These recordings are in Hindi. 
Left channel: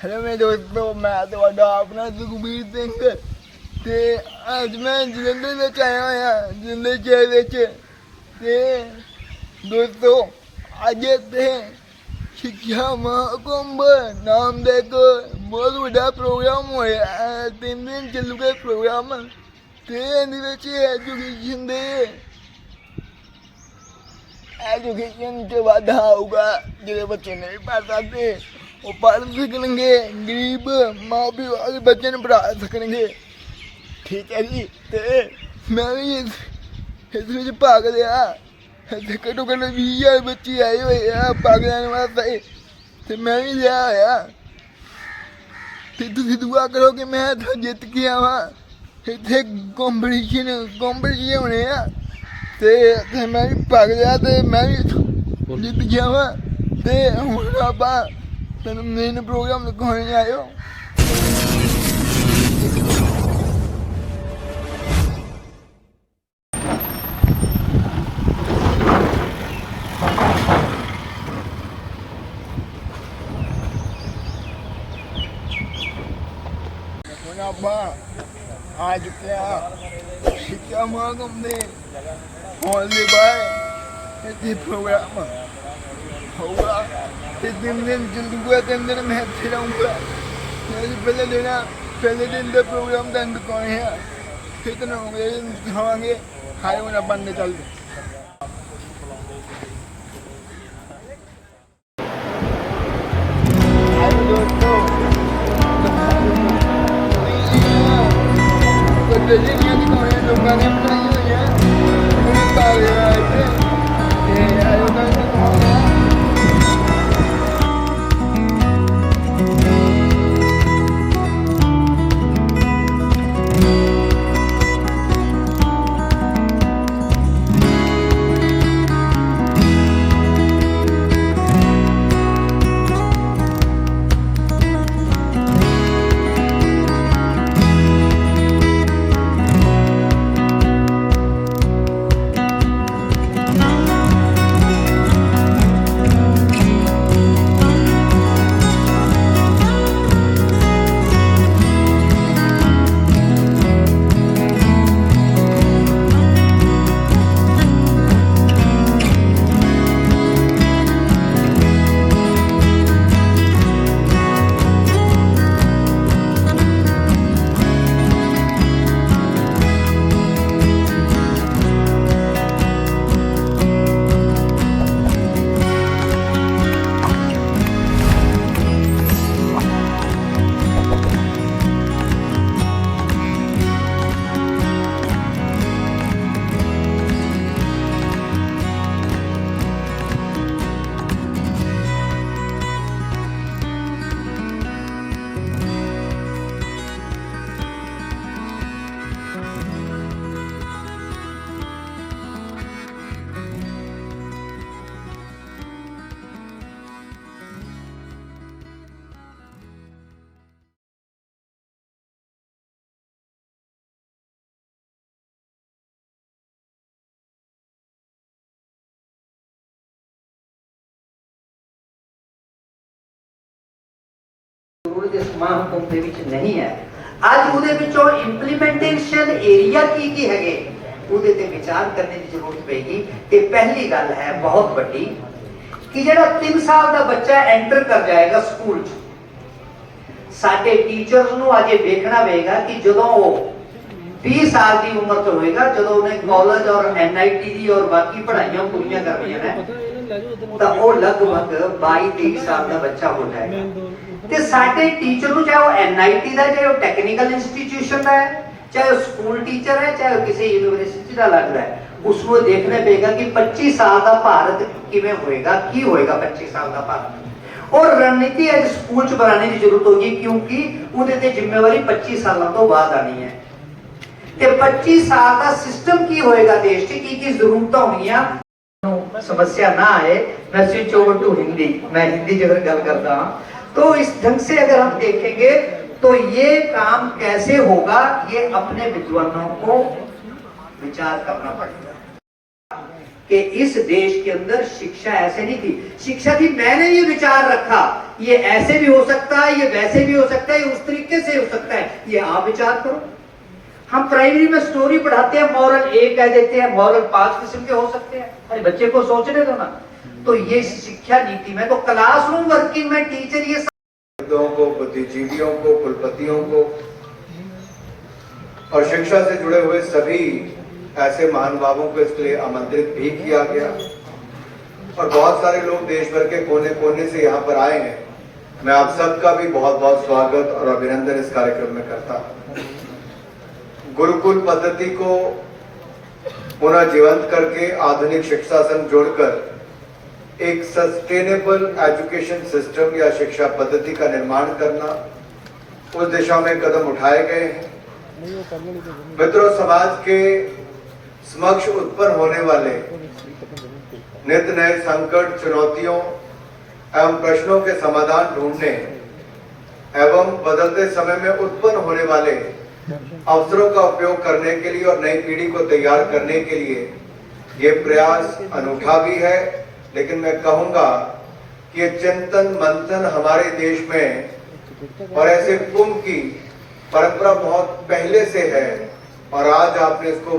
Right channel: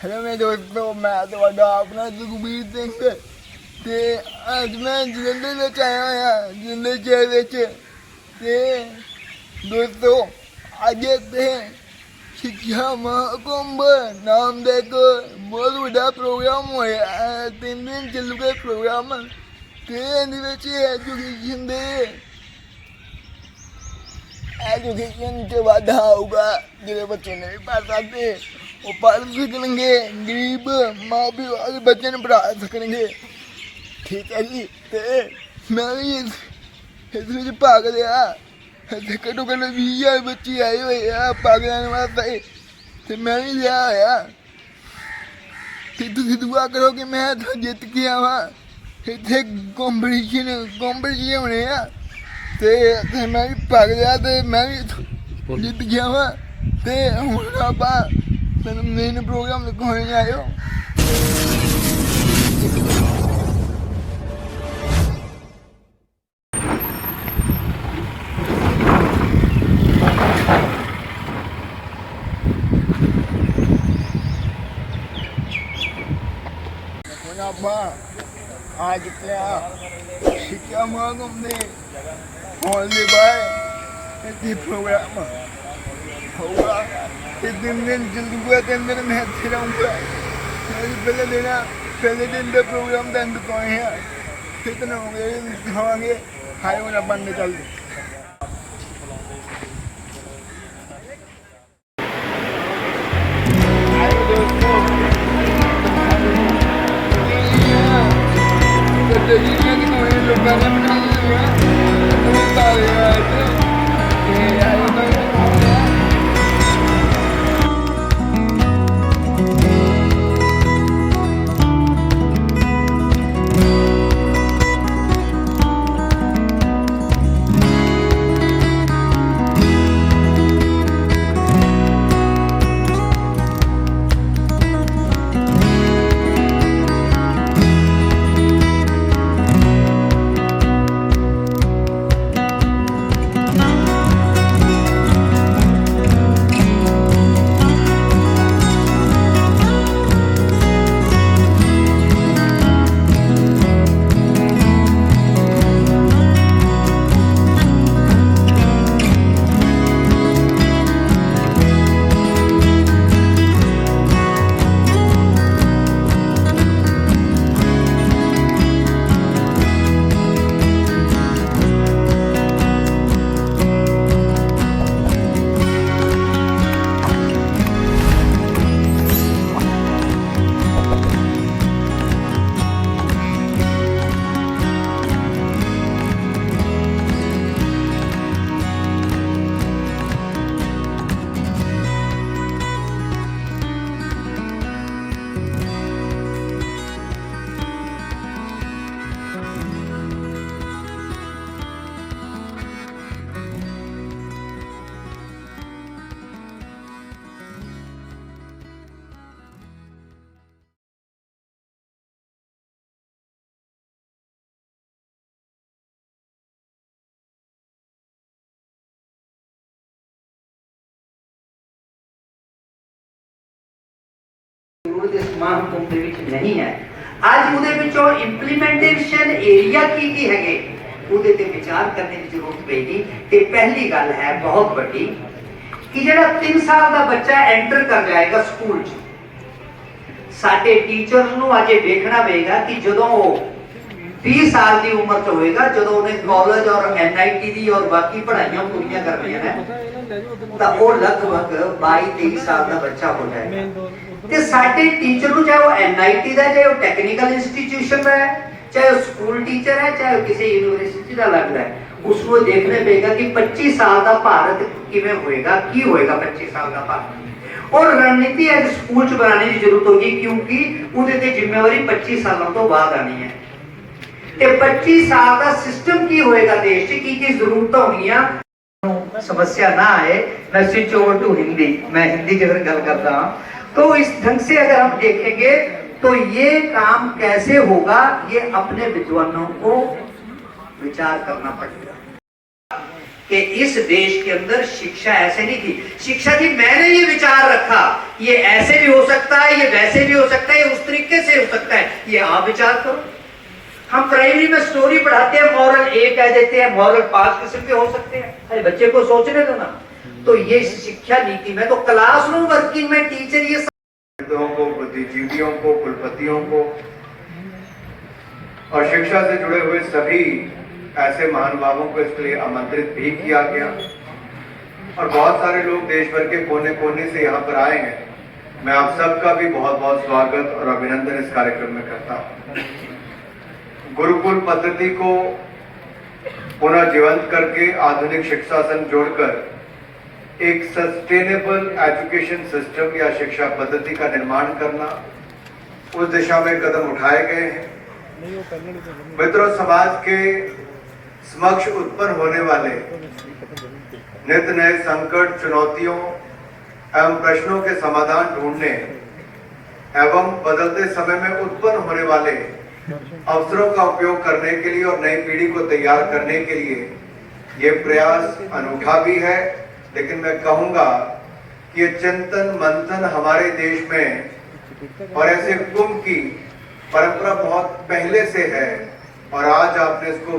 हेलो मेरे दोस्तों, मैं ਤੁਹਾਡਾ ਆਪਣਾ ਸੁਖਬੀਰ ਸਿੰਘ ਤੇ ਅੱਜ ਮੈਂ ਜਲੰਧਰ ਵਿੱਚ ਆਇਆ ਹੋਇਆ ਜਲੰਧਰ ਸ਼ਹਿਰ ਵਿੱਚ ਤੇ ਦੋਸਤੋ ਅੱਜ ਇੱਥੇ ਸਿੱਖਿਆ ਮਹਾਕੁੰਭ ਨਾਮ ਦਾ ਇੱਕ ਬਹੁਤ ਵੱਡਾ ਪ੍ਰੋਗਰਾਮ ਹੋਇਆ ਹੈ। 3 ਦਿਨ ਚੱਲੂਗਾ ਪ੍ਰੋਗਰਾਮ ਤੇ ਇਹਦੇ ਵਿੱਚ एजुकेशन से वाधा होगा। जो बच्चे नहीं पढ़ सकते वो पढ़ सकेंगे, गरीब माँ प्यो वाले बच्चे ने पढ़ा सकेंगे। ठीक है जी। तो मैं भी इस भाग लिया। घट्टो घट्ट 20,000 बच्चे आए हुए हैं भाग लैने वास्ते तो मैं भी लिया होया। तो तुम दुआ करो कि मैं जित के आवा। इतने कॉम्पीटिशन होने हैं ਤੇ ਮੈਂ ਵੀ ਭਾਗ ਲਿਆ ਤੇ ਮੈਂ ਵੀ ਜਿੱਤ ਗਿਆ ਵਾ ਤੇ ਹੁਣ ਆਪਾਂ ਤੈਨੂੰ ਮੇਨ ਪ੍ਰੋਗਰਾਮ ਦਿਖਾਉਣ ਆਇਓ। ਹੁਣ ਆਪਾਂ ਆ ਚੁੱਕੇ ਆ ਸਿੱਖਿਆ ਮਹਾਕੁੰਭ ਦੇ हॉल के बाहर ऐसे प्रोग्राम होगा। 3 दिन चलूँगा, 3 दिन मैं अच्छे रहूँगा। पहले दिन का प्रोग्राम का दिखाए हैं, फिर तो होंगे दिखावांगे। हाई होना बनने चलते महाकुंभ नहीं है। अज वो इंप्लीमेंटेशन एरिया की है ਉਹਦੇ ਤੇ ਵਿਚਾਰ करने की जरूरत पेगी। कि पहली गल है बहुत बड़ी कि जो 3 साल का बच्चा एंटर कर जाएगा स्कूल च, साडे टीचर्स नूं अजे देखना पेगा कि जदों 20 साल की उम्र च होएगा, जदों उन्हें कॉलेज और NIT दी और बाकी पढ़ाइयां पूरीਆਂ करनियां ने ਤਾਂ ਉਹ लगभग 22-23 साल का बच्चा हो जाएगा। ਤੇ ਸਾਡੇ टीचर ਨੂੰ चाहे वो NIT ਦਾ, चाहे वो टेक्निकल इंस्टीट्यूशन का है, चाहे वो स्कूल टीचर है, चाहे वो किसी यूनिवर्सिटी का लगता है, उसको देखने पेगा कि 25 साल का भारत किवें होएगा, की होएगा 25 साल का भारत। और रणनीति है स्कूल च बनाने की जरूरत होगी, क्योंकि उहदे ते जिम्मेवारी 25 सालों तो बाद आनी है। ते 25 साल का सिस्टम की होएगा, देश च की जरूरत होनी, समस्या ना आए। मैं स्विच ओवर टू हिंदी, मैं हिंदी की अगर गल करता हूं तो इस ढंग से अगर हम देखेंगे तो ये काम कैसे होगा, ये अपने विद्वानों को विचार करना पड़ेगा। कि इस देश के अंदर शिक्षा ऐसे नहीं थी। शिक्षा थी, मैंने ये विचार रखा, ये ऐसे भी हो सकता है, ये वैसे भी हो सकता है, ये उस तरीके से हो सकता है, ये आप विचार करो। हम प्राइमरी में स्टोरी पढ़ाते हैं, मॉरल ए कह देते हैं, मॉरल 5 किस्म के हो सकते हैं, अरे बच्चे को सोचने दो ना। तो ये शिक्षा नीति में, तो क्लासरूम वर्किंग में टीचर ये को, बुद्धिजीवियों को, कुलपतियों को और शिक्षा से जुड़े हुए सभी ऐसे महानुभावों को इसके लिए आमंत्रित भी किया गया और बहुत सारे लोग देश भर के कोने कोने से यहाँ पर आए हैं। मैं आप सबका भी बहुत बहुत स्वागत और अभिनंदन इस कार्यक्रम में करता हूँ। गुरुकुल पद्धति को पुनः जीवंत करके आधुनिक शिक्षा संग जोड़कर एक सस्टेनेबल एजुकेशन सिस्टम या शिक्षा पद्धति का निर्माण करना, उस दिशा में कदम उठाए गए हैं। मित्रों, समाज के समक्ष उत्पन्न होने वाले नित्य नए संकट, चुनौतियों एवं प्रश्नों के समाधान ढूंढने एवं बदलते समय में उत्पन्न होने वाले अवसरों का उपयोग करने के लिए और नई पीढ़ी को तैयार करने के लिए ये प्रयास अनूठा भी है, लेकिन मैं कहूंगा कि ये चिंतन मंथन हमारे देश में और ऐसे कुंभ की परंपरा बहुत पहले से है और आज आपने इसको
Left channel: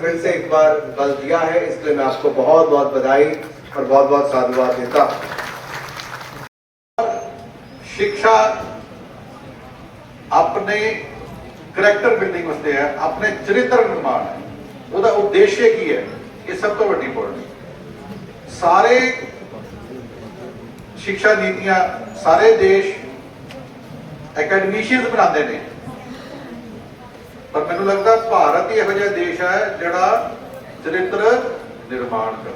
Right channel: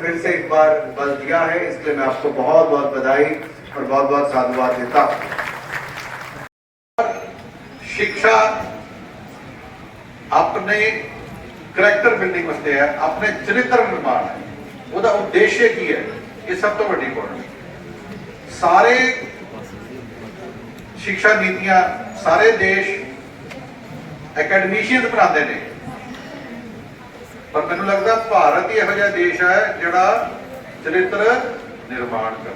फिर से एक बार बल दिया है, इसलिए मैं आपको बहुत बहुत बधाई और बहुत बहुत साधुवाद देता हूं। शिक्षा अपने करैक्टर बिल्डिंग वास्ते है, अपने चरित्र निर्माण है, ਉਹਦਾ उद्देश्य की है, ये सब तो बड़ी पॉइंट। सारे शिक्षा नीतियां सारे देश एकेडमिशियन बनाते हैं, पर मैनू लगता भारत ही ਇਹੋ ਜਿਹਾ देश है ਜਿਹੜਾ चरित्र निर्माण कर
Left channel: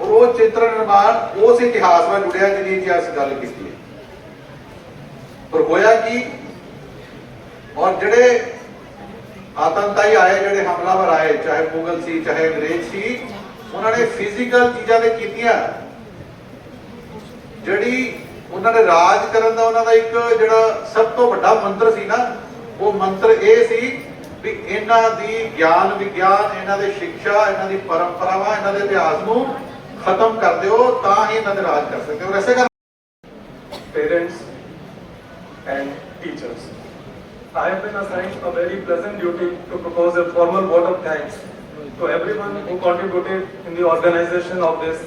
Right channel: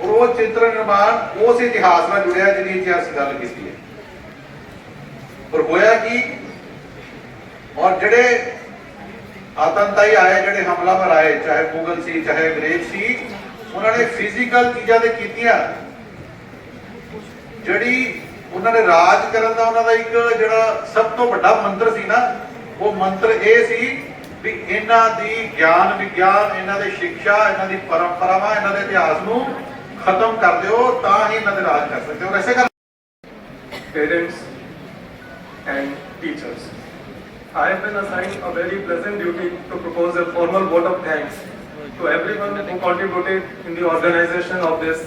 और वो चरित्र निर्माण उस इतिहास में जुड़िया जिन्हें इतिहास गल की है। पर होया कि और जड़े आतंकवादी आए, जड़े हमलावर आए, चाहे मुगल सी चाहे अंग्रेज सी, उन्होंने फिजिकल चीज़ां ते कीतियां, जड़ी उन्होंने राज करन दा उन्होंने एक जड़ा सब तो बड़ा मंत्र सी ना, वो मंत्र ये सी भी इन्हां दी ज्ञान विज्ञान, इन्हां दी शिक्षा, इन्हां दी परंपरावां, इन्हां दे इतिहास नूं खत्म कर दिओ, तां ही इन्हां दे राज कर सकते हो। वैसे कर parents and teachers. I have been assigned a very pleasant duty to propose a formal vote of thanks to everyone who contributed in the organization of this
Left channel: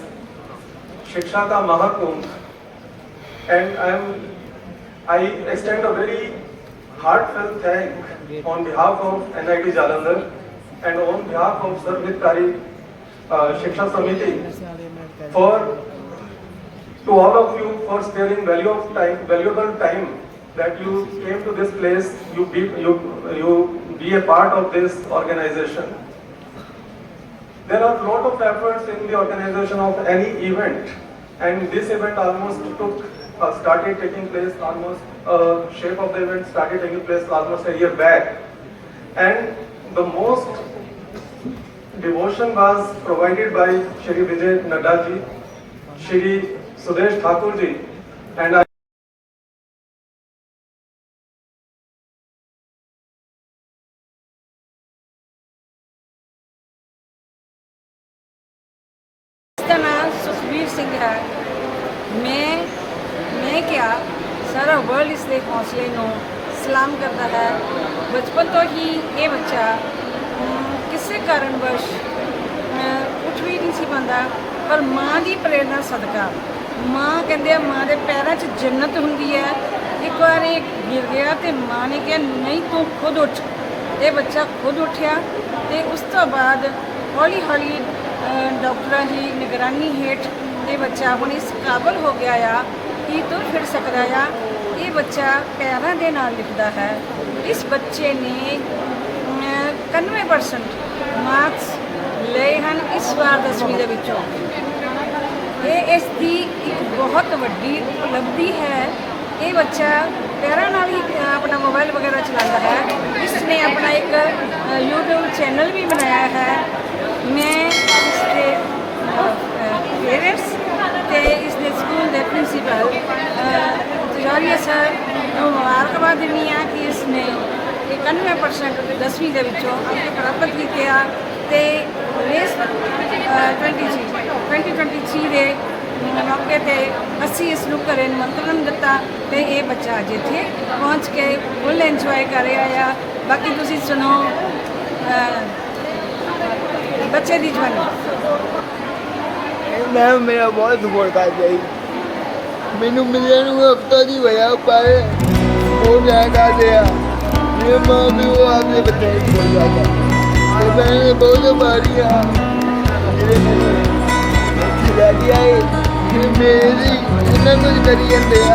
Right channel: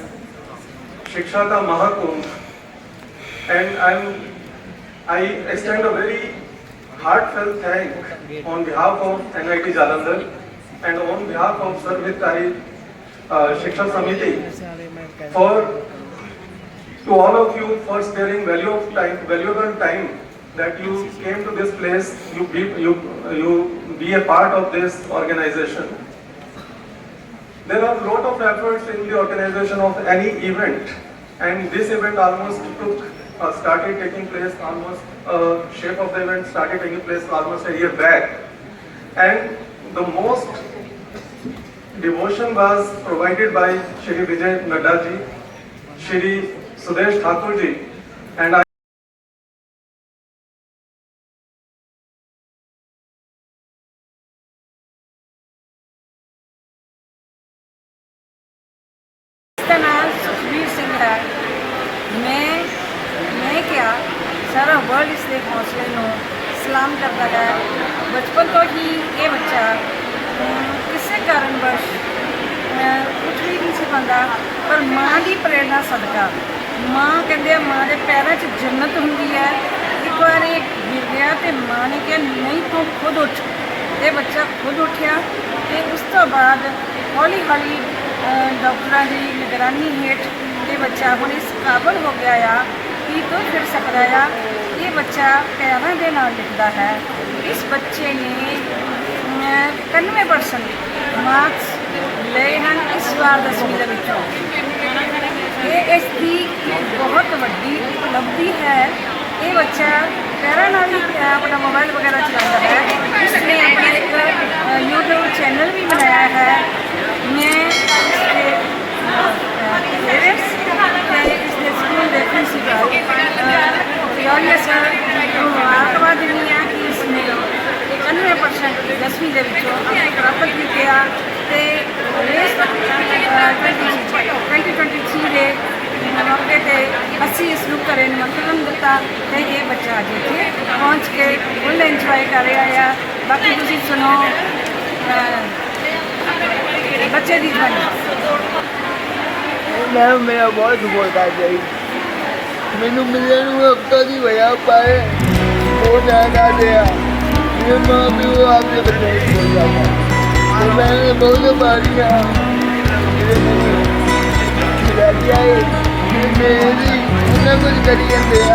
Shiksha Ka Mahakumbh, and I extend a very heartfelt thank on behalf of NIT Jalandhar and on behalf of Sarvhitkari Shiksha Samiti to all of you for sparing valuable time that you came to this place, you be a part of this organization. There are a lot of efforts in the organization of any event, and this event started taking place almost, shape of the event started taking place almost a year back, and the most devotion was provided by Shri Vijay Nadda ji, Shri Sudesh Thakur ji, and इसका नाम सुखबीर सिंह है। मैं क्या सारा वर्ल्ड इसके हौसले ਨੂੰ सलाम करता है। बचपन तो ही ये बच्चा किसी कारणवश कुछ भी नहीं सी पाता, पर माँ की प्रेरणा सदका, माँ कहते माँ के पैरों 'ਚ जन्नत होंगी है। एक बार गिर गया तो माँ ने कहा नहीं तू खुद उठ, ये बच्चा खुद उठा तो उस तो बाद हौली हौली डॉक्टरों की निगरानी हेठ ये बच्चा हम इस काबल हो गया आ कि तो फिर सकता आ। ये बच्चा पैरों के नाल लिखता है। इस बच्चे ने 91% मार्क्स ले हैं इस बार 10वीं के विचों। ये इसकी एक बहुत वड्डी उपलब्धि है। ये बच्चा पैरों नाल ही अपना मोबाइल वगैरह चलाता है। इसने अपना एक यूट्यूब चैनल भी बनाया है। मैं इसके पेरेंट्स इसने स्कूल के प्रिंसीपल जौहरिया सर को मुबारकबाद देनी है कि इसने 91% 10वीं के विचों प्राप्त किया। ਤੇ ਰੇਸ 2023 ਦੇ ਮੌਕੇ ਤੇ ਅਸੀਂ ਇਸ ਨੂੰ ਘਰੇ ਨਿਮੰਤਰਣ ਦਿੱਤਾ ਤੇ ਇਹ ਬੱਚਾ ਅੱਜ ਇੱਥੇ ਪਹੁੰਚ ਕੇ ਫੁੱਲ ਇੰਜੋਏ ਕਰ ਰਿਹਾ ਆ। ਬਾਕੀ ਤੁਸੀਂ ਸੁਣੋ ਬੱਚੇ ਦੀ ਜਵਾਨੀ। ਮੈਂ ਮੇਰਾ ਬਹੁਤ ਸਪੋਰਟ ਕਰ ਜਾਈ ਮੈਨੂੰ ਮਿਲਿਆ ਨੂੰ ਹਫਤਾ ਦੀ ਹੋਇਆ ਪਰ ਉਹ ਜ਼ਿਆਦਾ ਦਿਆ ਮੇਰੇ ਮਾਂ ਵੀ ਉਹ ਆਪਣੇ ਬੱਚੇ ਨੂੰ ਹੋ ਜਾਂਦਾ ਤੇ ਮੈਂ ਬਹੁਤ ਮਾਰੀਆ ਮੇਰੇ ਮੈਨੂੰ ਖਿਲਾ ਦਿਆ ਕਿ ਮੇਰੀ ਉਹਨਾਂ ਕੁਝ ਕਰੀ ਜਾਂਦੇ ਆ।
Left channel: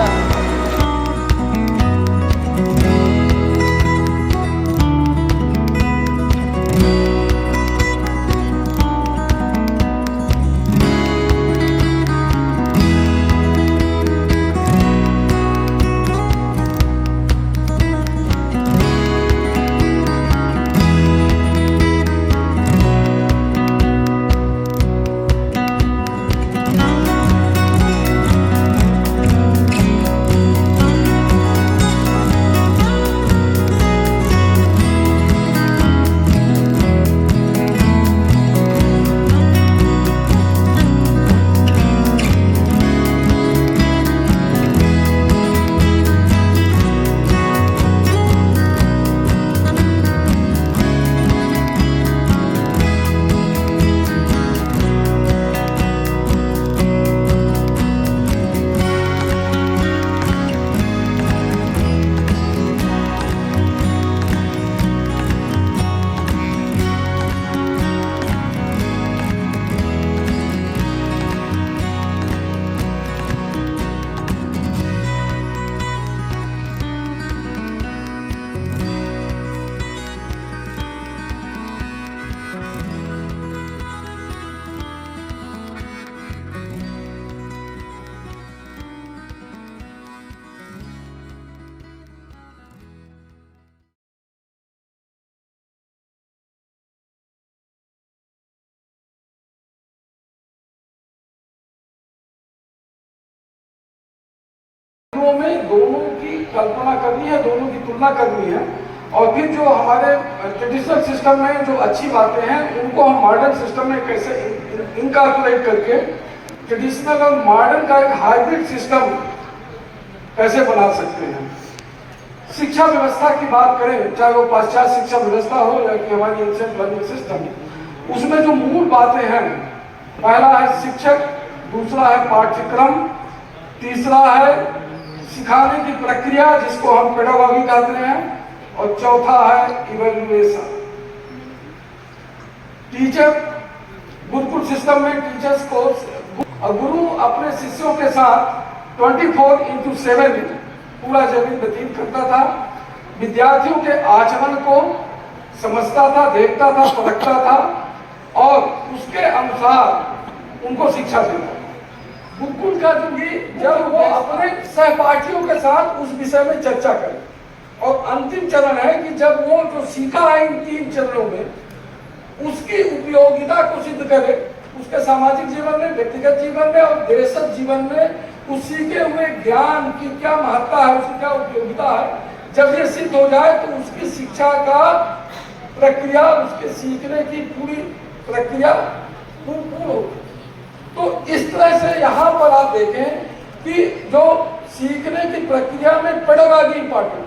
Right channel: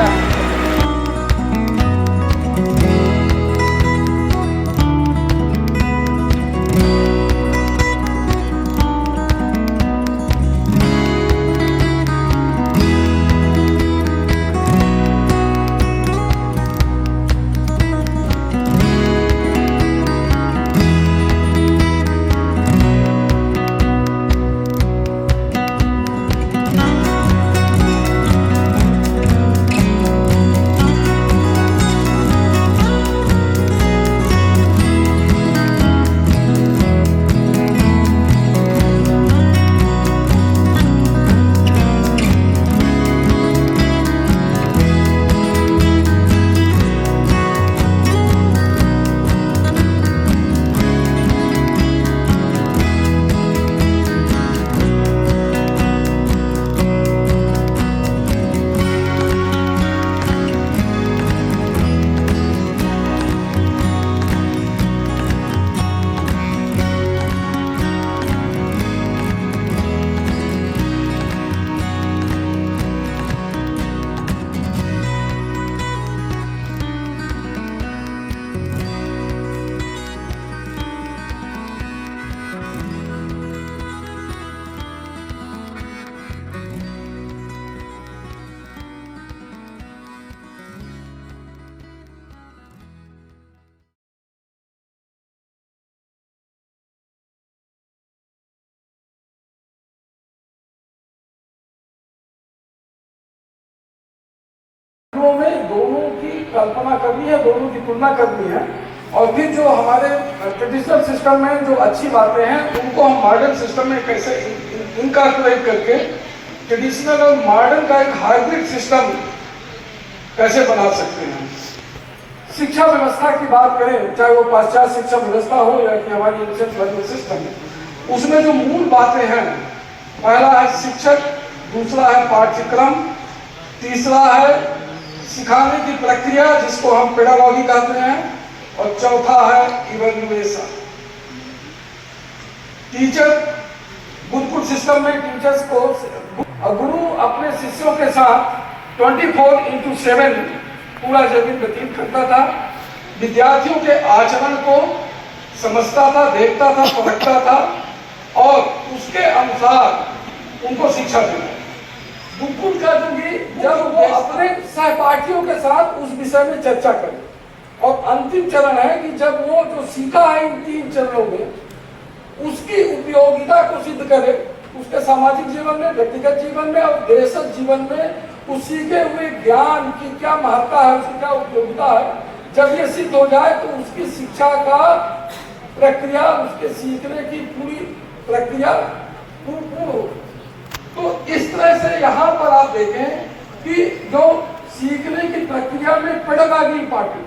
में दोनों की कल्पना करनी है, दोनों की तुलना करनी है और फिर जो हमारे ट्रेडिशनल सिस्टम में जो अच्छी बातें हैं उनको हम मॉडर्न सिस्टम में कैसे इनकॉर्पोरेट करके ट्रेडिशनल और मॉडर्न का एक हाइब्रिड सिस्टम कैसे बना सकते हैं। शिक्षा व्यवस्था की बात करें, चाहे वो पाश्चात्य शिक्षा व्यवस्था हो या कि हमारी एंशिएंट लर्निंग सिस्टम, उसमें जो मूल बातें हैं, पहला है शिक्षक, दूसरा है पाठ्यक्रम, तीसरा है सिखाने की प्रक्रिया जिसको हम पेडागॉजी कहते हैं और चौथा है इवैल्यूएशन। टीचर गुरुकुल सिस्टम में टीचर्स को गुरु अपने शिष्यों के साथ 24/7 पूरा जीवन व्यतीत करता था, विद्यार्थियों के आचरण को समझता था, देखता था, परखता था और उसके अनुसार उनको शिक्षा देता। गुरुकुल का युगी जब वो अपने सहपाठियों के साथ उस विषय में चर्चा करे और अंतिम चरण है कि जब वो जो सीखा है इन 3 चरणों में उसकी उपयोगिता को सिद्ध करे, उसके सामाजिक जीवन में, व्यक्तिगत जीवन में और देशज जीवन में उस सीखे हुए ज्ञान की क्या महत्ता है, उसकी क्या उपयोगिता है। जब ये सिद्ध हो जाए तो उसकी शिक्षा का प्रक्रिया, उसके सीखने की पूरी प्रक्रिया पूर्ण। तो इस तरह से यहाँ पर आप देखें कि जो सीखने की प्रक्रिया में पेडागॉजी इंपॉर्टेंट,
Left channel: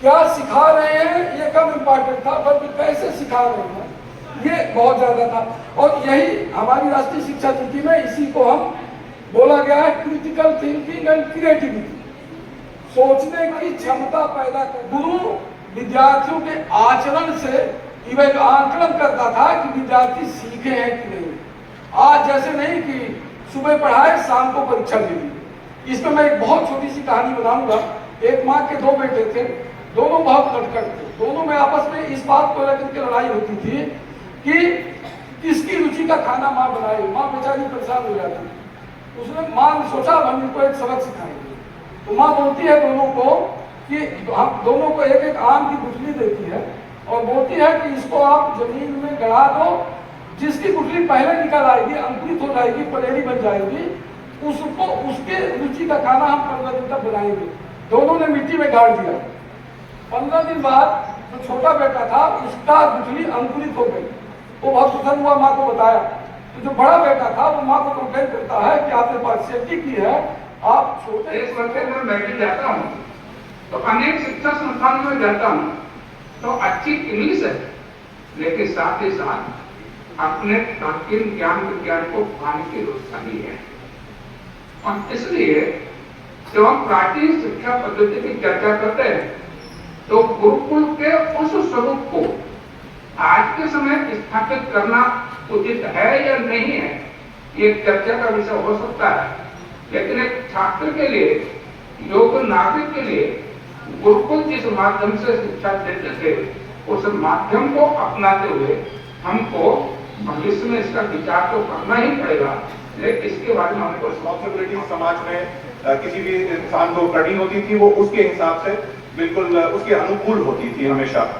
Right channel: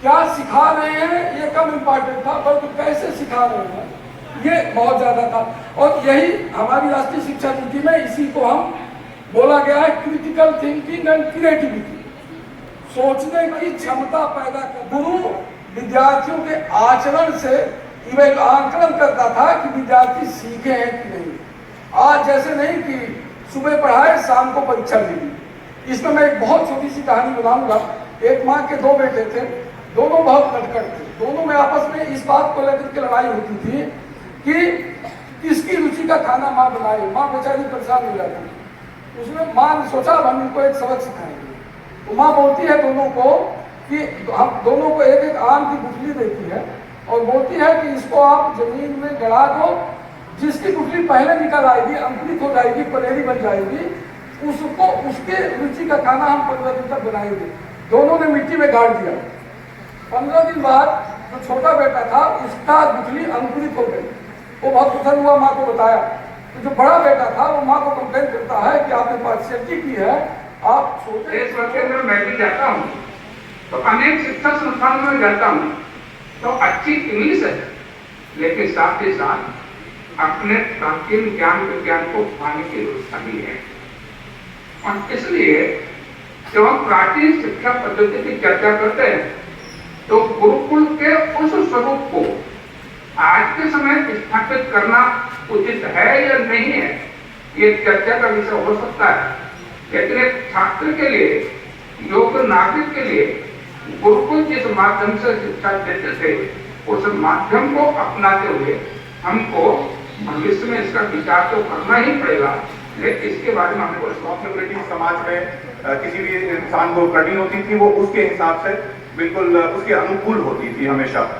क्या सिखा रहे हैं ये कम इंपॉर्टेंट था, बल्कि कैसे सिखा रहे हैं ये बहुत ज्यादा था। और यही हमारी राष्ट्रीय शिक्षा नीति में इसी को हम बोला गया है क्रिटिकल थिंकिंग एंड क्रिएटिविटी, सोचने की क्षमता पैदा कर। गुरु विद्यार्थियों के आचरण से आकलन करता था कि विद्यार्थी सीखे हैं कि नहीं। आज जैसे नहीं कि सुबह पढ़ाए शाम को परीक्षा दे दी। इसमें मैं एक बहुत छोटी सी कहानी बनाऊंगा। एक माँ के 2 बेटे थे, दोनों बहुत नटखट थे, दोनों में आपस में इस बात को लेकर के लड़ाई होती थी कि किसकी रुचि का खाना माँ बनाए। माँ बेचारी परेशान हो जाती। उसने माँ ने सोचा अब हम इनको एक सबक सिखाएंगे। तो माँ बोलती है दोनों को कि हम दोनों को एक एक आम की गुठली देती है और बोलती है कि इसको आप जमीन में गड़ा दो, जिसकी गुठली पहले निकल आएगी, अंकुरित हो जाएगी, पलेरी बन जाएगी, उसको उसके रुचि का खाना हम 15 दिन तक बनाएंगे। दोनों ने मिट्टी में गाड़ दिया। 15 दिन बाद जो छोटा बेटा था उसका गुठली अंकुरित हो गई वो बहुत दुखद हुआ, माँ को बताया। तो जो बड़ा बेटा था वो माँ को कंप्लेन करता है कि आपके पास सेफ्टी की है, आप छोटे। देश भर के अंदर मैं भी जाता हूँ तो अनेक शिक्षा संस्थानों में जाता हूँ तो अच्छी इंग्लिश है, लेकिन साथ ही साथ अपने प्राचीन ज्ञान विज्ञान को पाने की व्यवस्था भी है। और इसलिए जब हम प्राचीन शिक्षा पद्धति की चर्चा करते हैं तो गुरुकुल के उस स्वरूप को आज के समय स्थापित करना उचित है या नहीं है, ये चर्चा का विषय हो सकता है। लेकिन एक छात्र के लिए, योग्य नागरिक के लिए गुरुकुल जिस माध्यम से शिक्षा देते थे उस माध्यम को अपनाते हुए हमको भविष्य में इसका विचार तो करना ही पड़ेगा, लेकिन इसके बारे में हमको रिस्पॉन्सिबिलिटी समाज में किसी भी इंसान को करनी होती थी, वो उसके हिसाब से बिल्कुल उसके अनुकूल होती थी हमेशा।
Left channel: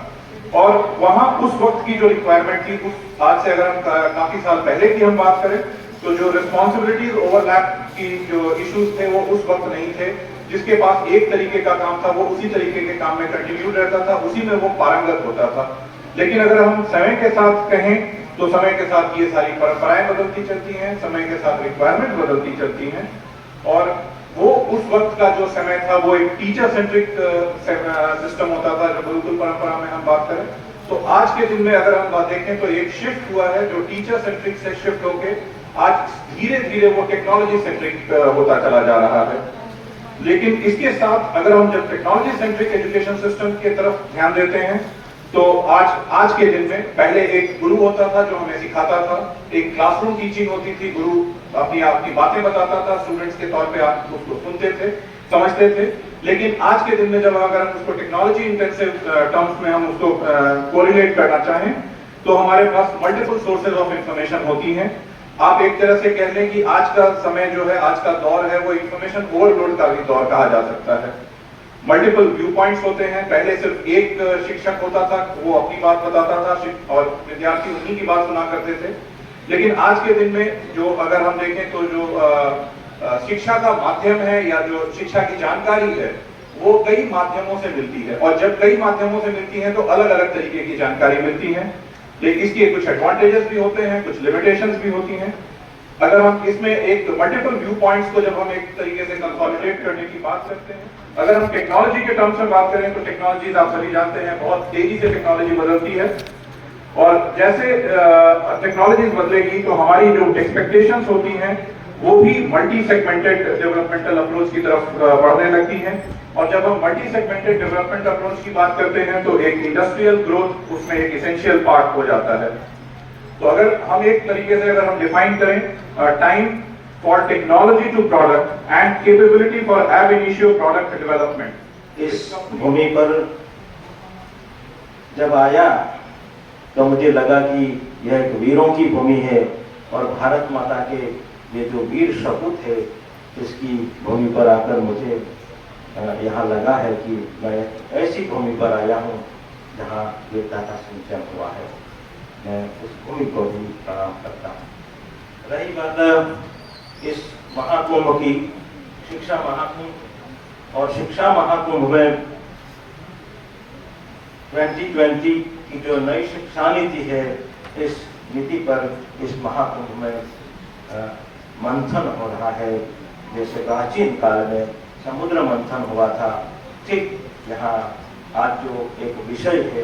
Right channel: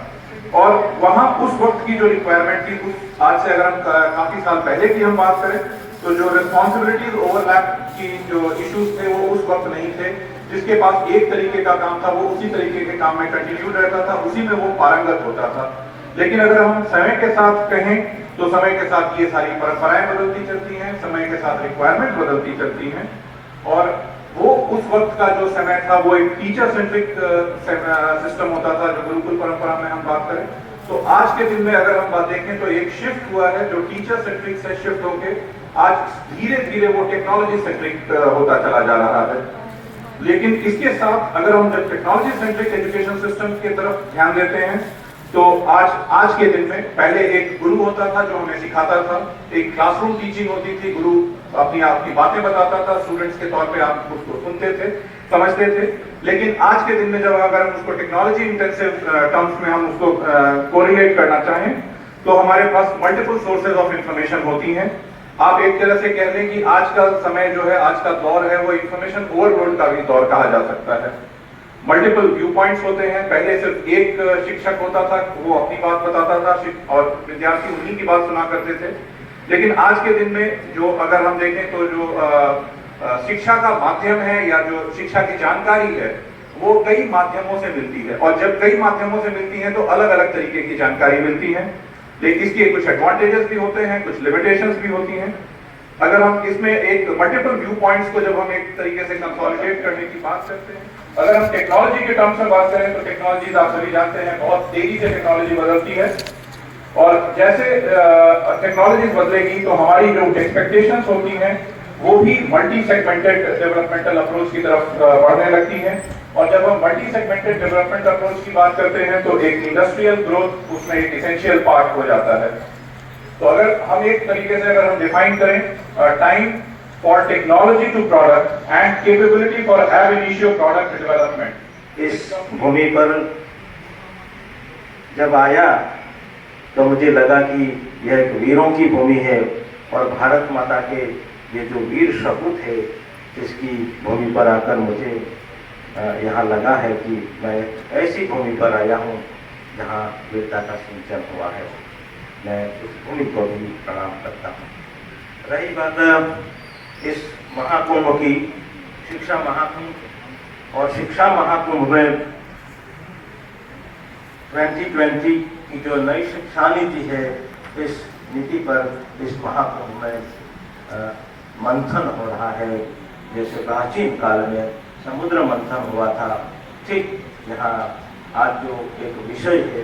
और वहां उस वक्त की जो रिक्वायरमेंट थी, उस आज से अगर हम काफी साल पहले की हम बात करें तो जो रिस्पॉन्सिबिलिटीज ओवरलैप की जो इश्यूज थे वो उस वक्त नहीं थे। जिसके पास एक तरीके का काम था वो उसी तरीके के काम में कंटिन्यू रहता था, उसी में वो पारंगत होता था। लेकिन अगर हम समय के साथ कहें तो समय के साथ ये सारी परंपराएं बदलती चलती हैं, समय के साथ रिक्वायरमेंट बदलती चलती हैं। और वो उस वक्त का जो समय था वो एक टीचर सेंट्रिक सिस्टम होता था, जो गुरुकुल परंपरा में हम बात करें। तो आज के दिन में अगर हम बात देखें तो एक शिफ्ट हुआ है जो टीचर सेंट्रिक से शिफ्ट होके आज धीरे धीरे वो टेक्नोलॉजी सेंट्रिक होता चला जा रहा है। लेकिन इसके साथ अगर हम जब टेक्नोलॉजी सेंट्रिक एजुकेशन सिस्टम की तरफ ध्यान देते हैं तो आज के दिन में पहले एक गुरु होता था जो हमें सिखाता था, एक क्लासरूम टीचिंग होती थी, गुरु अपनी बातें बताता था, स्टूडेंट्स के तौर पे आप उसको सुनते थे, समझते थे। लेकिन आज के दिन में जब अगर हम उसको टेक्नोलॉजी इंटेंसिव टर्म्स में हम उसको कोरिलेट करना चाहें तो हमारे पास मल्टीपल सोर्सेज ऑफ इंफॉर्मेशन होती हैं। आप एक तरह से कह लें कि आज का समय जो है, आज का दौर है, वो इंफॉर्मेशन ओवरलोड का भी दौर कहा जा सकता है। मल्टीपल व्यू पॉइंट्स होते हैं। पहले सिर्फ एक शिक्षक होता था, वो अपनी बात बताता था और विद्यार्थी उन्हीं की बात सुना करते थे। लेकिन आज के दिन में जो अगर हम देखें तो जो शिक्षा का माध्यम है या जो शिक्षा की जानकारी है वो कई माध्यमों से मिलती है, और जब कई माध्यमों से मिलती है तो अलग अलग तरीके की जानकारी मिलती है। लेकिन इसके कुछ एडवांटेजेस भी होते हैं, कुछ लिमिटेशंस भी होती हैं। अगर हम इसमें एक मल्टीपल व्यू पॉइंट्स को जब हम एक तरीके से कंसोलिडेट करने की बात करते हैं, अगर हम टेक्नोलॉजी के टर्म्स में बात करें तो टेक्नोलॉजी आप सभी जानते हैं बहुत तेजी से टेक्नोलॉजी बदलती है। और जैसे टेक्नोलॉजी बदलेगी तो हमारी जो एक्सपेक्टेशंस होती हैं वो भी मल्टी सेगमेंटेड डेवलपमेंटल अप्रोच की तरफ बढ़ने लगती हैं। और जब हम मल्टी सेगमेंटेड डेवलपमेंट अप्रोच की बात करते हैं तो एक इंडस्ट्रियल ग्रोथ उसमें एक इसेंशियल पार्ट हो जाता है। तो अगर हम एक तरीके से अगर हम डिफाइन करें time for technology to product and capability for ab initio product development, इस भूमि पर जब आया तो मुझे लगा कि यह एक वीरों की भूमि है और भारत माता के ये जो वीर सपूत है इसकी भूमि पर आकर मुझे यहाँ लगा है कि मैं ऐसी भूमि पर आया हूँ जहाँ वीरता का सिंचन हुआ है। मैं उस भूमि को भी प्रणाम करता हूँ। रही बात इस महाकुंभ की, शिक्षा महाकुंभ और शिक्षा महाकुंभ में 2020 की जो नई शिक्षा नीति है, इस नीति पर इस महाकुंभ में मंथन हो रहा है। जैसे प्राचीन काल में समुद्र मंथन हुआ था, ठीक यहाँ आज जो एक विषय है,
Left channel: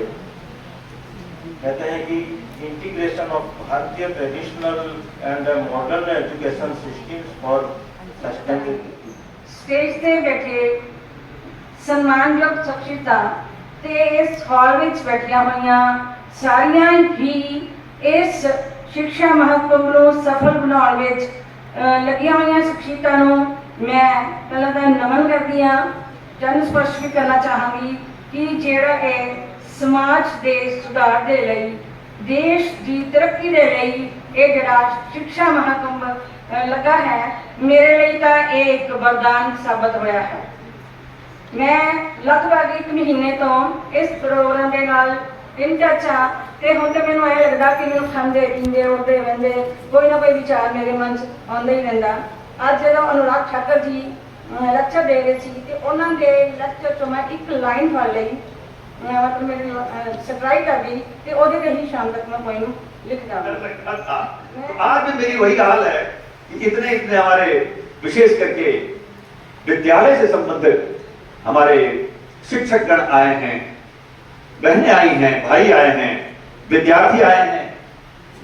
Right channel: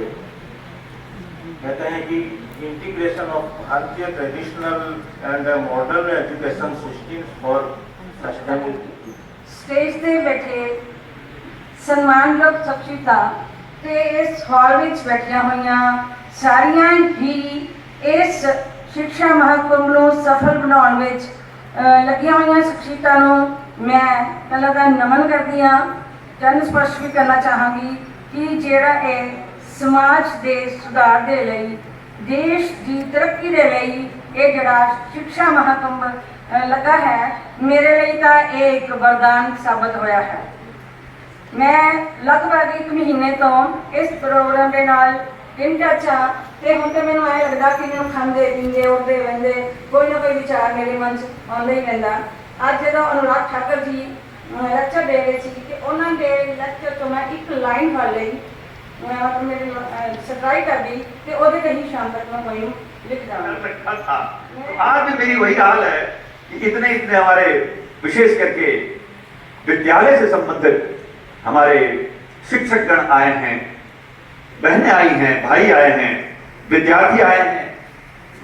कहते हैं कि इंटीग्रेशन ऑफ भारतीय traditional and modern education systems for sustainability. Stage ਤੇ ਬੈਠੇ ਸਨਮਾਨਯੋਗ ਸ਼ਖਸੀਅਤਾਂ ਤੇ ਇਸ ਹਾਲ ਵਿੱਚ ਬੈਠੀਆਂ ਹੋਈਆਂ ਸਾਰੀਆਂ ਹੀ ਇਸ ਸਿੱਖਿਆ ਮਹਾਕੁੰਭ ਨੂੰ ਸਫਲ ਬਣਾਉਣ ਵਿੱਚ ਲੱਗੀਆਂ ਹੋਈਆਂ ਸ਼ਖਸੀਅਤਾਂ ਨੂੰ ਮੈਂ ਪਹਿਲਾਂ ਤਾਂ ਨਮਨ ਕਰਦੀ ਹਾਂ। ਜਨ ਸਪਸ਼ਟ ਵੀ ਕਰਨਾ ਚਾਹਾਂਗੀ ਕਿ ਜਿਹੜਾ ਇਹ ਸਮਾਜ ਦੇ ਸੁਧਾਰ ਦੇ ਲਈ, ਦੇਸ਼ ਦੀ ਤਰੱਕੀ ਦੇ ਲਈ ਇਹ ਜਿਹੜਾ ਸਿੱਖਿਆ ਮਹਾਕੁੰਭ ਲੱਗਾ ਹੈ, ਮੇਰੇ ਲਈ ਤਾਂ ਇਹ ਇੱਕ ਵਰਦਾਨ ਸਾਬਤ ਹੋਇਆ ਹੈ। ਮੈਂ ਲਗਭਗ 1 ਮਹੀਨੇ ਤੋਂ ਇਸ ਪ੍ਰੋਗਰਾਮ ਦੇ ਨਾਲ ਇਨ ਟੱਚ ਹਾਂ ਤੇ ਹੁਣ ਤੇ ਮੈਨੂੰ ਐਂ ਲੱਗਦਾ ਕਿ ਮੈਨੂੰ ਖਾਂਦੇ ਪੀਂਦੇ ਉੱਠਦੇ ਬਹਿੰਦੇ ਕੋਈ ਨਾ ਕੋਈ ਵਿਚਾਰ ਮੇਰੇ ਮਨ 'ਚ ਆਉਂਦਾ ਹੀ ਰਹਿੰਦਾ। ਅੱਜ ਜਦੋਂ ਅਨੁਰਾਗ ਠਾਕਰ ਜੀ ਲੈਕਚਰ ਦੇ ਰਹੇ ਸੀ ਤੇ ਉਹਨਾਂ ਦੇ ਲੈਕਚਰ ਤੋਂ ਮੈਂ ਇੱਕ ਲਾਈਨ ਫੜ ਲਈ मैं मेरी सप्लाई कर दी कि ਉਹਦੇ ਤੇ ਹੀ शाम तक मैं वही लिख जाऊँ। रखा था। आज मेरी वही हाल है कि इतने इतने हमारे विशेष करके विद्यालय से संबंधित हमारे शिक्षकगण आए हैं, बहनें आई हैं, भाई आए हैं, विद्यार्थी आए हैं,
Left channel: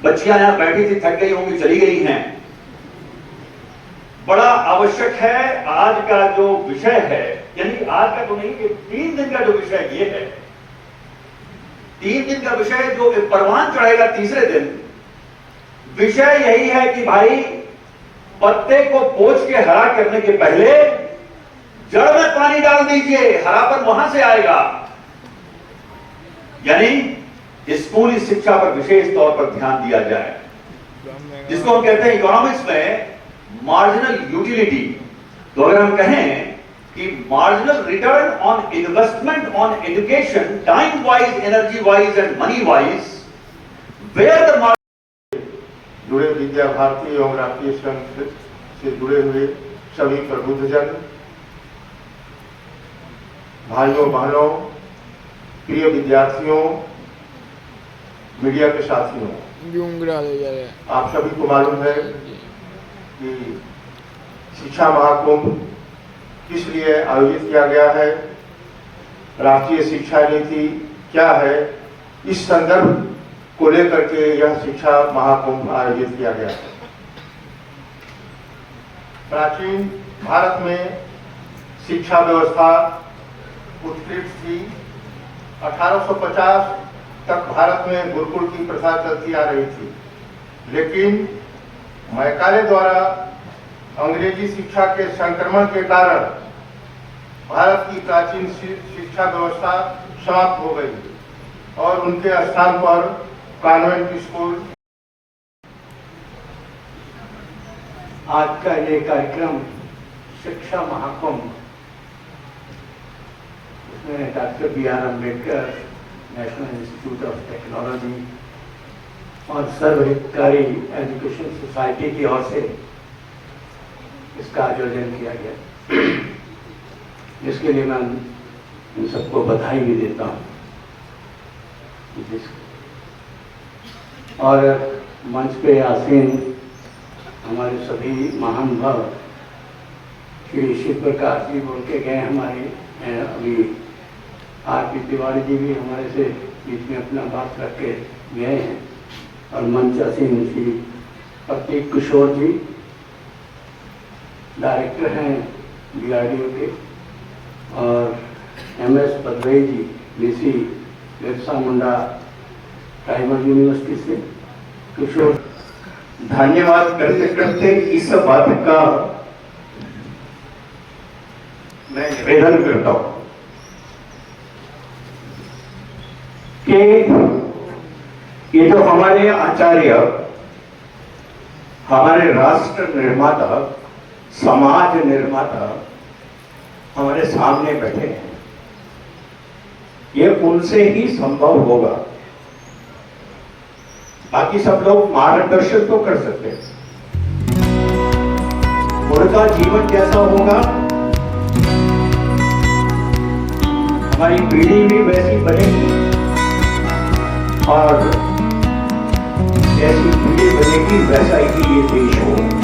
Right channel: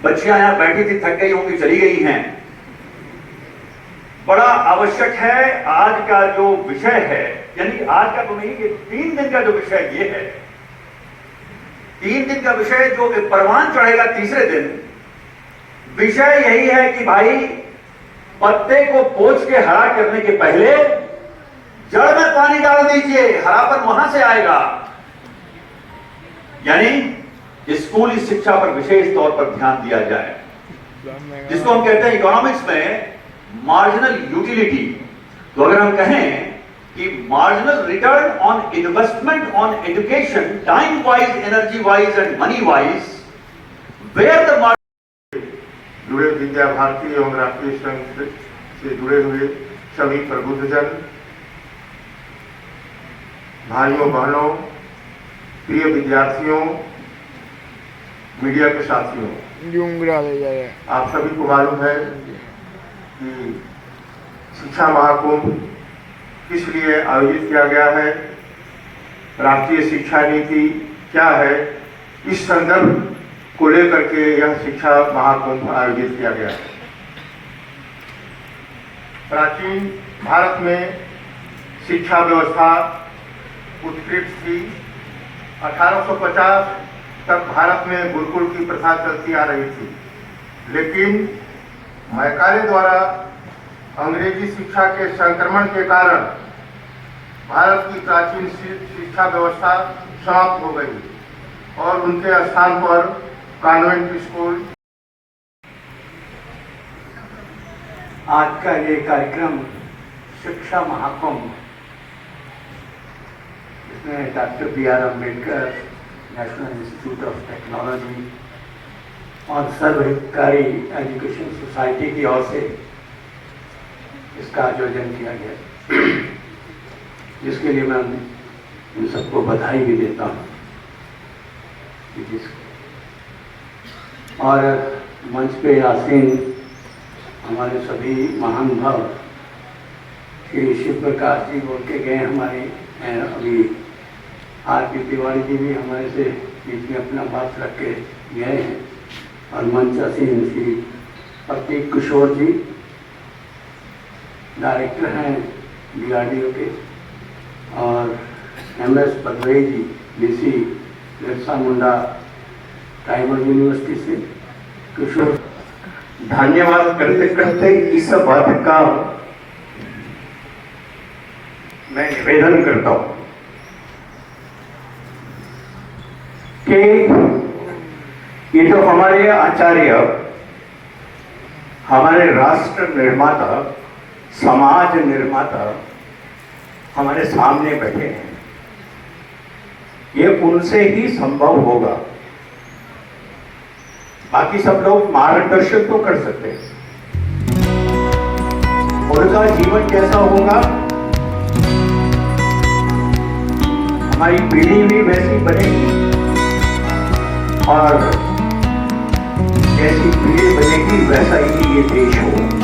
बच्चियां यहां बैठी थी, थक गई होंगी, चली गई हैं। बड़ा आवश्यक है आज का जो विषय है, यानी आज का तो नहीं, ये 3 दिन का जो विषय ये है, 3 दिन का विषय जो परवान चढ़ेगा तीसरे दिन, विषय यही है कि भाई पत्ते को पोंछ के हरा करने के पहले जड़ में पानी डाल दीजिए, हरापन वहां से आएगा। यानी स्कूली शिक्षा पर विशेष तौर पर ध्यान दिया जाए, जिसको हम कहते हैं इकोनॉमिक्स में मार्जिनल यूटिलिटी। तो अगर हम कहें कि marginal return on investment on education, time wise, energy wise and money wise, where the जुड़े विद्या भारती एवं राष्ट्रीय संघ से जुड़े हुए सभी प्रबुद्धजन, भाइयों बहनों, प्रिय विद्यार्थियों, मीडिया के साथियों, आप सभी को मालूम है कि शिक्षा महाकुंभ किस लिए आयोजित किया गया है, राष्ट्रीय शिक्षा नीति क्या है, इस संदर्भ को लेकर के यह शिक्षा महाकुंभ आयोजित किया गया है। प्राचीन भारत में शिक्षा व्यवस्था उत्कृष्ट थी। 1850 तक भारत में गुरुकुल की प्रथा चलती आ रही थी, लेकिन मैकाले द्वारा अंग्रेजी शिक्षा के संक्रमण के कारण भारत की प्राचीन शिक्षा व्यवस्था समाप्त हो गई और उनके स्थान पर कॉन्वेंट स्कूल। आज का ये कार्यक्रम शिक्षा महाकुंभ, इसमें doctor B.R. Ambedkar national institute of technology और सर्वहितकारी एजुकेशन सोसाइटी की ओर से इसका आयोजन किया गया, जिसके लिए मैं इन सबको बधाई भी देता हूँ। और मंच पे आसीन हमारे सभी महान भाव श्री शिव प्रकाश जी बोल के गए, हमारे अभी R.P. तिवारी जी भी हमारे से बीच में अपना बात रख के गए हैं, और मंच आसीन श्री प्रतीक किशोर जी डायरेक्टर हैं DRDO के, और MS पदवई जी BC Birsa Munda tribal university से किशोर। धन्यवाद करते करते इस बात का मैं निवेदन करता हूं कि ये जो हमारे आचार्य, हमारे राष्ट्र निर्माता, समाज निर्माता हमारे सामने बैठे हैं, ये उनसे ही संभव होगा। बाकी सब लोग मार्गदर्शन तो कर सकते हैं, उनका जीवन कैसा होगा, हमारी पीढ़ी भी वैसी बनेगी, और जैसी पीढ़ी बनेगी वैसा ही ये देश होगा।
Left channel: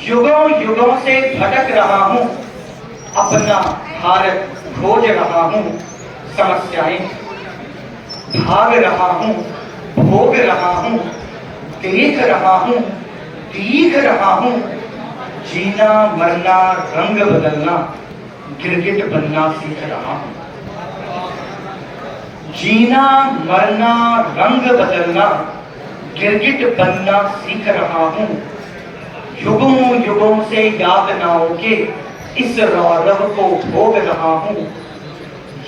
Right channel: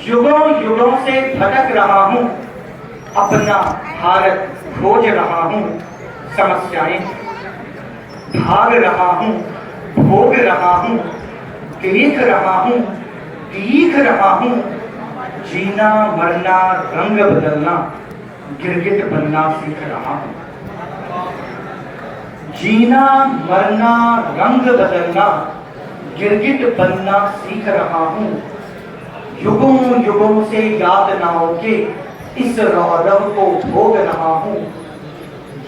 युगों युगों से भटक रहा हूं, अपना भारत खोज रहा हूं, समस्याएं भाग रहा हूं, भोग रहा हूं, देख रहा हूं, दीख रहा हूं, जीना मरना रंग बदलना गिरगिट बनना सीख रहा हूं। जीना मरना रंग बदलना गिरगिट बनना सीख रहा हूं। युगों युगों से यातनाओं के इस रौरव को भोग रहा हूं।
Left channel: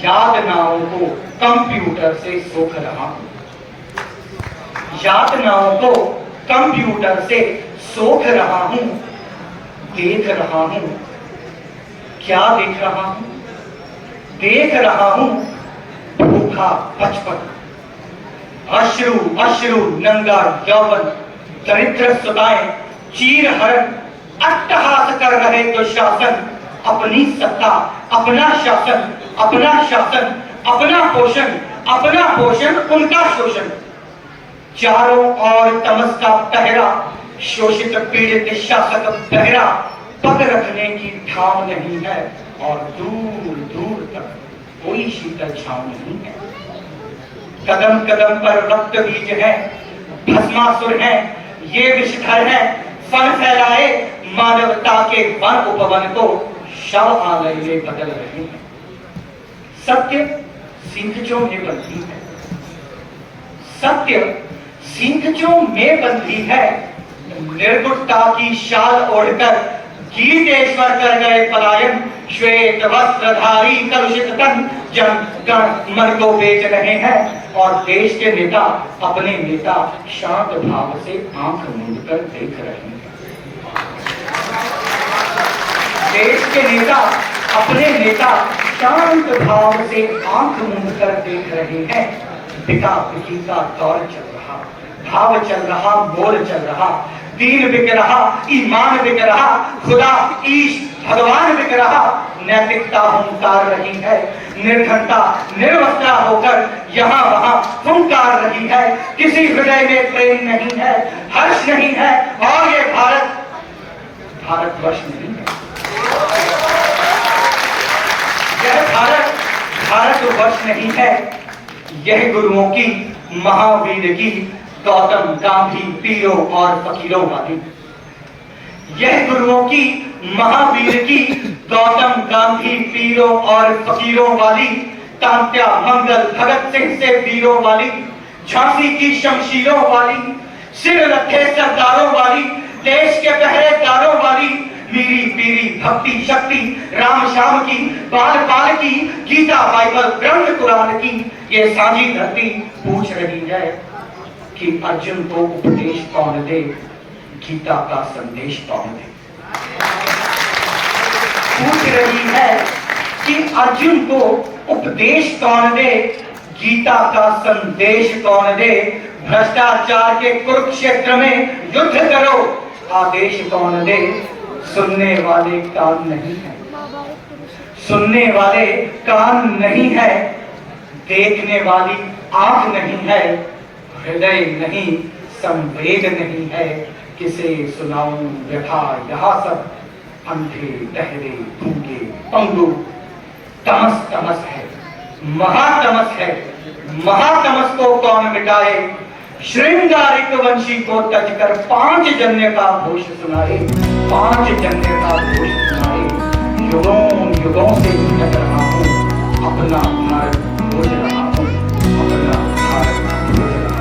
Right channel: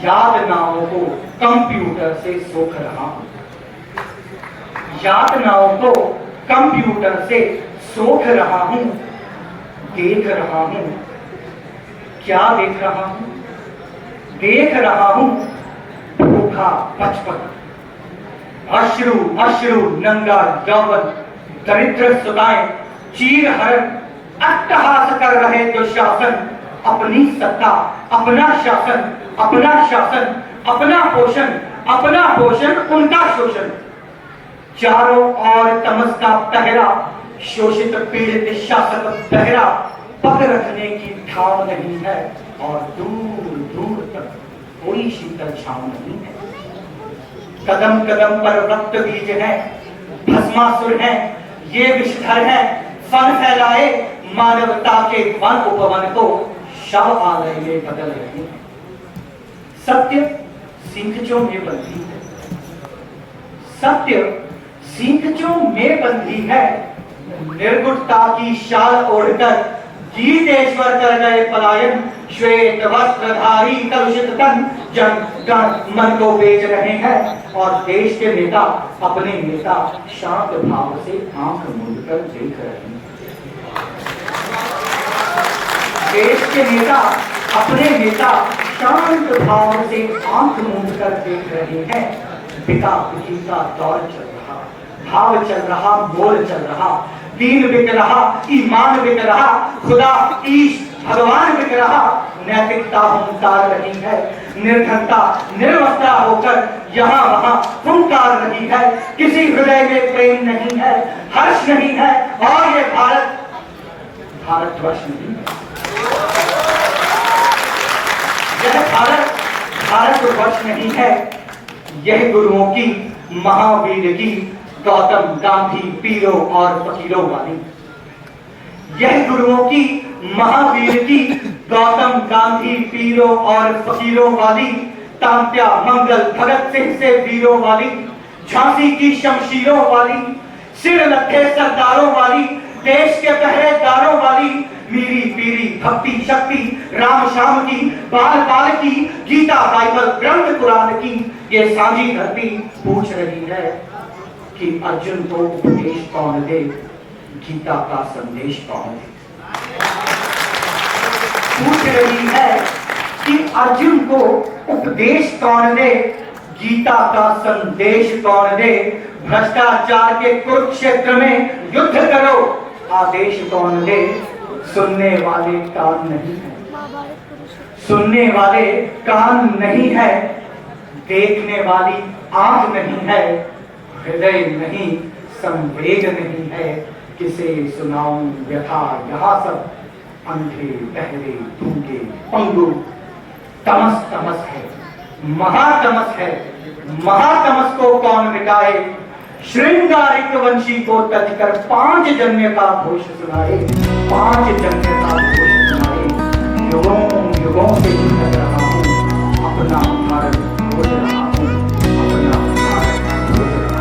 यातनाओं को कंप्यूटर से सोख रहा हूं। यातनाओं को कंप्यूटर से सोख रहा हूं। देख रहा हूं। क्या देख रहा हूं? देख रहा हूं भूखा बचपन, अश्रु अश्रु नंगा यौवन, दरिद्र सुताएं, चीर हरण, अट्टहास कर रहे दुशासन, अपनी सत्ता, अपना शासन, अपना शासन, अपना पोषण, उनका शोषण। चारों ओर तमस का पहरा, शोषित पीड़ित शासक बहरा, पग रखने की ठाव नहीं है और दूर दूर तक कोई शीतल छांव नहीं है। कदम कदम पर रक्त बीज है, भस्मासुर है, ये विषधर है, फन फैलाए मानवता के वन उपवन को शव आलय में बदल रहे हैं। सत्य सिंधजों में बंधी है, सत्य सिंधजों में बंधी है। निर्गुणता की शाल ओढ़कर गीतेश्वर कर गए पलायन, श्वेत वस्त्रधारी कलुषित तन जन गण मन को बेच रहे हैं और देश के नेता अपने नेता शांत भाव से आंख मूंदकर देख रहे हैं। देश के नेता अपने नेता शांत भाव से आंख मूंदकर देख रहे हैं। पिता पिता का दौर चल रहा, भाव चल रहा, मोल चल रहा, दीन बिक रहा, ईमान बिक रहा, खुदा ईश भगवान बिक रहा। नैतिकता हुंकार रही है, निर्धनता निर्वस्त्रा होकर यहाँ वहाँ हुंकार रही है। किसी हृदय में प्रेम नहीं है, हर्ष नहीं है और ये भारतवर्ष नहीं है। यह भारतवर्ष नहीं है। यह गुरुओं की, महावीर की, गौतम गांधी पीरों और फकीरों वाली, यह गुरुओं की, महावीर की, गौतम गांधी पीरों और फकीरों वाली, तांत्या मंगल भगत सिंह से वीरों वाली, झांसी की शमशीरों वाली, सिर लखे सरदारों वाली, देश के पहरेदारों वाली, मीरी पीरी भक्ति शक्ति राम श्याम की, बाल बाल की, गीता बाइबल ग्रंथ कुरान की ये साझी धरती पूछ रही है कि अर्जुन को उपदेश कौन दे, गीता का संदेश कौन दे। पूछ रही है कि अर्जुन को उपदेश कौन दे, गीता का संदेश कौन दे। भ्रष्टाचार के कुरुक्षेत्र में युद्ध करो, आदेश कौन दे। सुनने वाले कान नहीं है, सुनने वाले कान नहीं है, देखने वाली आंख नहीं है, हृदय नहीं, संवेद नहीं है। किसे सुनाऊं व्यथा यहाँ सब, अंधे बहरे गूंगे पंगु। तमस तमस है, महातमस है, महातमस को कौन मिटाए। श्रृंगारिक वंशी को तज कर 5 जन्य का घोष सुनाए, 5 जन्य का घोष सुनाए। युगों युगों से भटक रहा हूँ, अपना भारत खोज रहा हूँ, अपना भारत खोज रहा हूँ।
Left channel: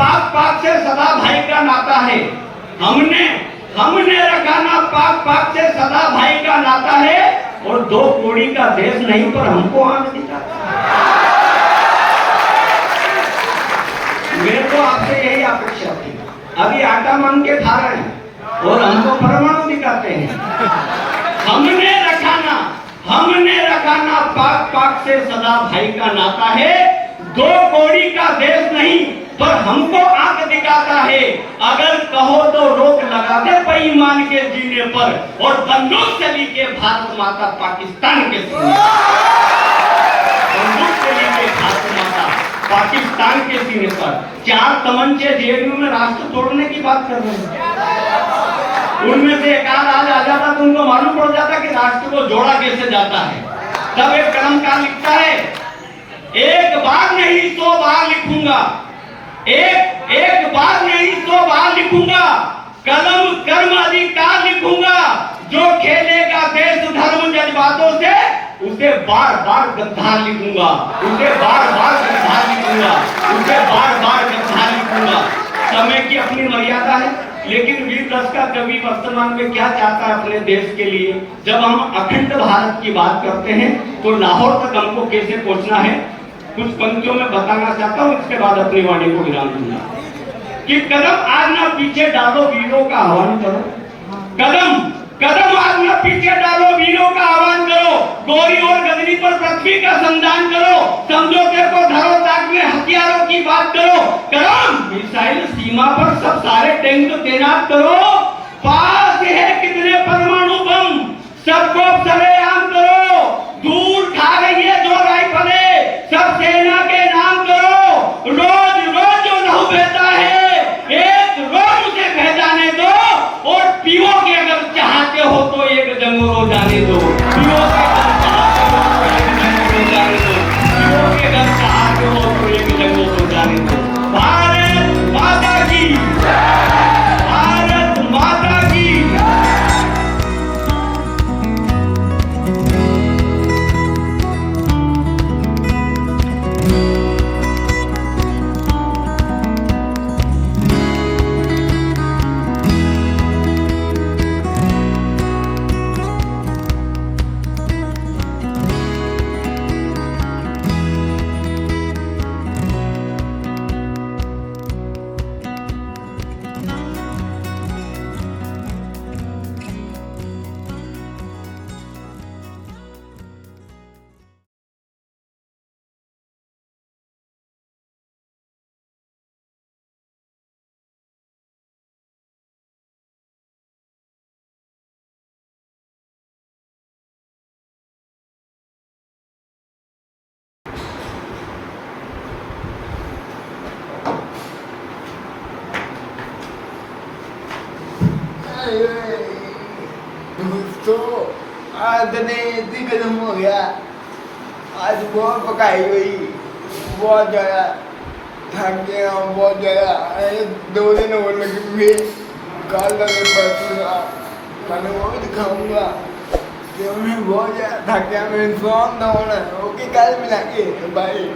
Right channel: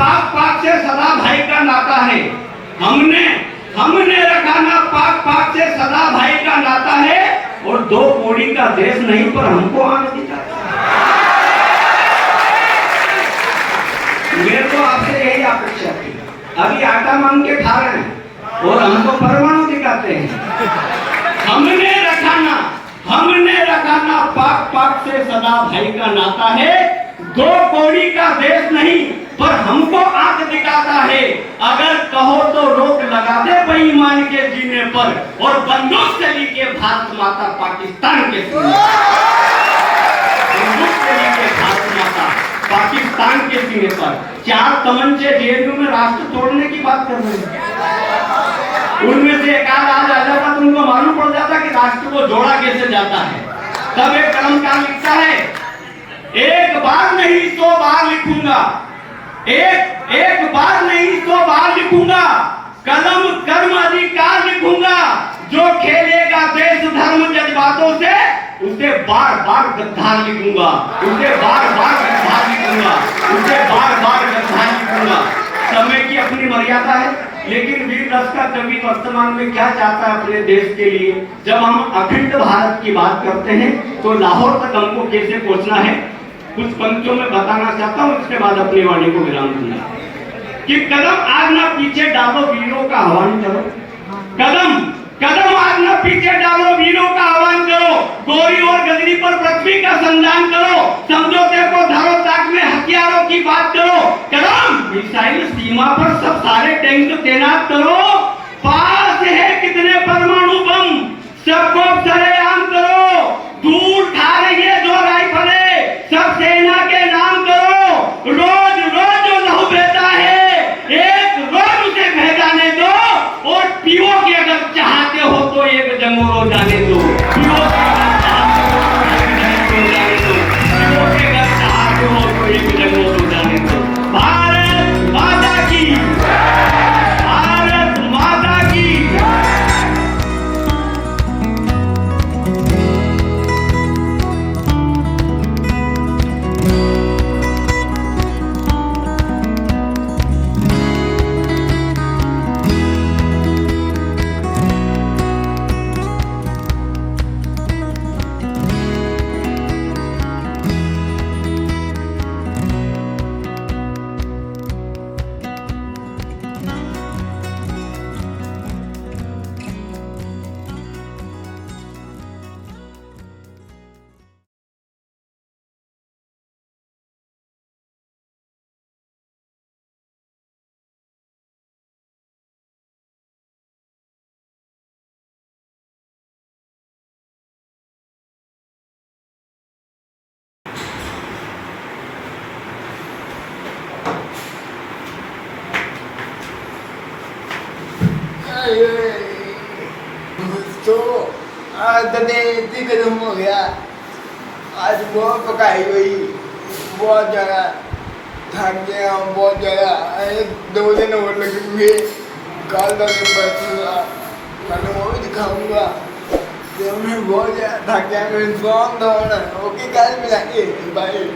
पाक पाक से सदा भाई का नाता है। हमने रखा ना पाक पाक से सदा भाई का नाता है, और 2 कौड़ी का देश नहीं पर हमको आने दिखाता। मेरे को आपसे यही अपेक्षा थी। अभी आटा मान के खा रहे हैं और हमको परमाणु दिखाते हैं। हमने रखा ना पाक पाक से सदा भाई का नाता है, 2 कौड़ी का देश नहीं पर हमको आंख दिखाता है। अगर कहो तो रोक लगा दे बेईमान के जीने पर, और बंदूक चली के भारत माता पाकिस्तान के सीने बंदूक चली के भारत माता पाकिस्तान के सीने पर। 4 तमंचे जेएनयू में राष्ट्र तोड़ने की बात कर रहे हैं। उनमें से एक आध आ जाता तो उनको मालूम पड़ जाता कि राष्ट्र को जोड़ा कैसे जाता है। तब एक कलमकार लिखता है, एक बार नहीं 100 बार लिखूंगा, एक बार नहीं 100 बार लिखूंगा, कलम कर्म अधिकार लिखूंगा। जो खेलेगा देश धर्म जज्बातों से, उसे बार बार गद्दार लिखूंगा, उसे बार बार गद्दार लिखूंगा, उसे बार बार गद्दार लिखूंगा। समय की अपनी मर्यादा है, लेकिन वीर रस का कवि वर्तमान में क्या चाहता है अपने देश के लिए। जब हम अखंड भारत की बात करते हैं तो लाहौर तक हमको कैसे पहुंचना है, कुछ पंक्तियों में बताना चाहता हूं, इसके बाद अपनी वाणी को विराम दूंगा। कि कदम आज ना पीछे डालो, वीरों का आह्वान करो। कदम आज ना पीछे डालो, वीरों का आह्वान करो। गोरी और गगरी पर पृथ्वी का संधान करो। समझौते को धरो, ताक में हथियारों की बात करो। कदम मिसाइल सीमा पर सब सारे टैंक तैनात करो। पास है कितने परमाणु बम, सबको सरेआम करो। दूर खा रही है 2 राइफलें, सब सेना के नाम करो। रोज रोज जो लहू बहता है, एक रोज उसे बह जाने दो। और पीओ के अगर चाहते हो तो एक जंगोरो जाने दो। पीओ के अगर चाहते हो तो एक जंगोरो जाने दो। भारत माता की, भारत माता की। तो आज इतनी कदम हो गया। आज बहुत पकाई हुई, बहुत ज़्यादा थक गया हूँ, बहुत ज़्यादा। 2 दिन और लगेंगे, कल कल वो भी दिखाऊंगा। तो मैं बहुत ज़्यादा थक गया, मैं सॉन्ग ओके कल मिलेंगे भाई।